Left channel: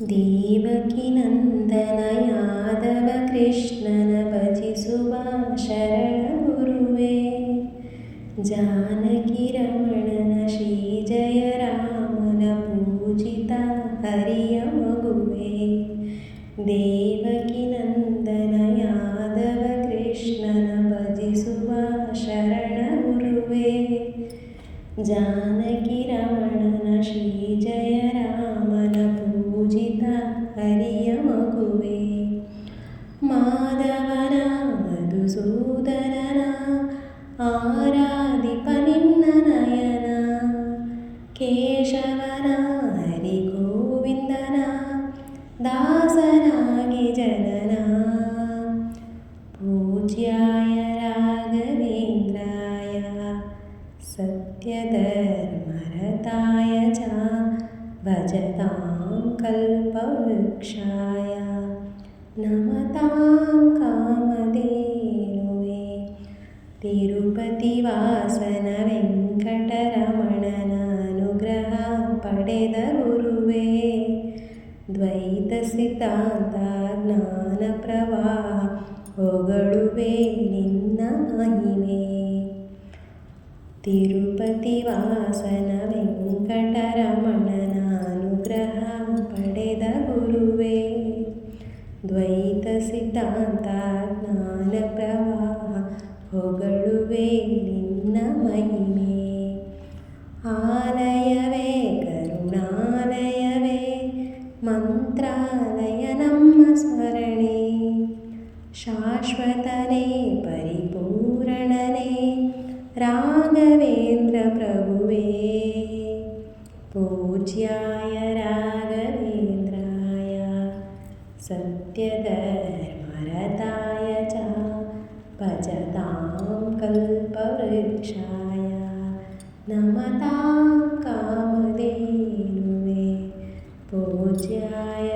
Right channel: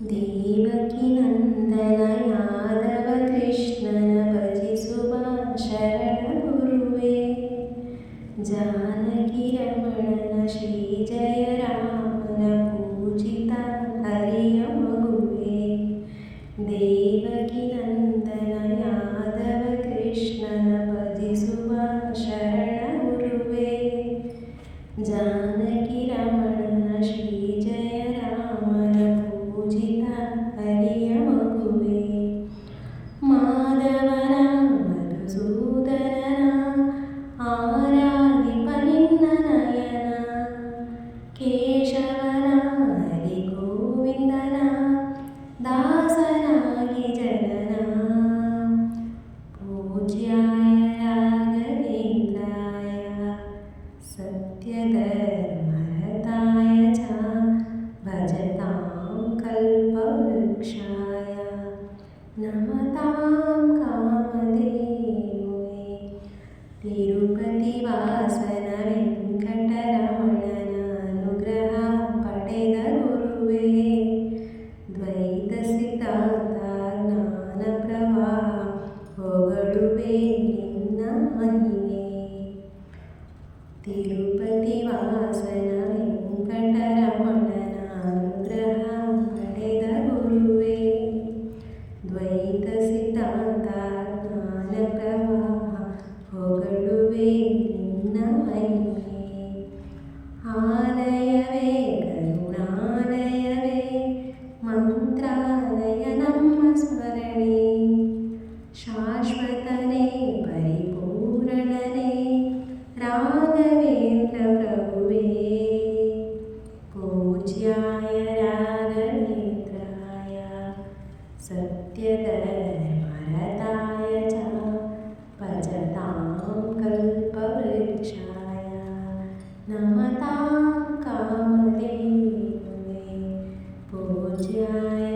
ದೇವಕಿ ನಂದನ ಯಾದವ ಕೃಷ್ಣನ ಭಜಿಸುವ ಶರಣ ಗುರುವೇ. ಜಾನಕಿ ರಮಣನ ಶ್ರೀ ಜಯ ರಾಮನ ಪೂಜಿತ ಹರಿಯ ಮಗುವೇ. ದೇವಕಿ ನಂದನ ಯಾದವ ಕೃಷ್ಣನ ಭಜಿಸುವ ಶರಣ ಗುರುವೇ. ಜಾನಕಿ ರಮಣನ ಶ್ರೀ ಜಯ ರಾಮನ ಪೂಜಿತ ಹರಿಯ ಮಗುವೇ. ಮಾಧವನ ಮಧುಸೂದನನ ಆರಾಧಿಪ ನಿನ್ನ ನಯನ. ಕೇಶವನ ಹರಿ ಗೋವಿಂದನ ದಾಸನಾಗಿ ಜನನ. ಪೂಜ್ಯಾಯ ರಾಘವೇಂದ್ರಾಯ ಸತ್ಯಧರ್ಮರತಾಯ ಚ ಭಜತಾಂ ಕಲ್ಪವೃಕ್ಷಾಯ ನಮತಾಂ ಕಾಮಧೇನುವೇ. ತಿರುಪತಿ ವಾಸನ ವೆಂಕಟರಮಣನ ಅನುಗ್ರಹ ಪಡೆದ ಗುರುವೇ. ದ್ವೈತ ಸಿದ್ಧಾಂತ ಜ್ಞಾನ ಪ್ರವಾಹ ಹೊಗಳುವೆ ನಿನ್ನ ಮಹಿಮೆ. ತಿರುಪತಿ ವಾಸನ ವೆಂಕಟರಮಣನ ಅನುಗ್ರಹ ಪಡೆದ ಗುರುವೇ. ದ್ವೈತ ಸಿದ್ಧಾಂತ ಜ್ಞಾನ ಪ್ರವಾಹ ಹೊಗಳುವೆ ನಿನ್ನ ಮಹಿಮೆ. ಆಲಯವೇ ಕರುಣಾಲಯವೇ ಮಂತ್ರಾಲಯ ನಮ್ಮ ಸ್ಮರಣೆ. ಶಾಶ್ವತನೇ ಪರಿಪೂರಣನೇ ರಾಘವೇಂದ್ರ ಪ್ರಭುವೇ. ಪೂಜ್ಯಾಯ ರಾಘವೇಂದ್ರಾಯ ಸತ್ಯಧರ್ಮರತಾಯ ಚ ಭಜತಾಂ ಕಲ್ಪವೃಕ್ಷಾಯ ನಮತಾಂ ಕಾಮಧೇನುವೇ. ಪೂಜ್ಯಾಯ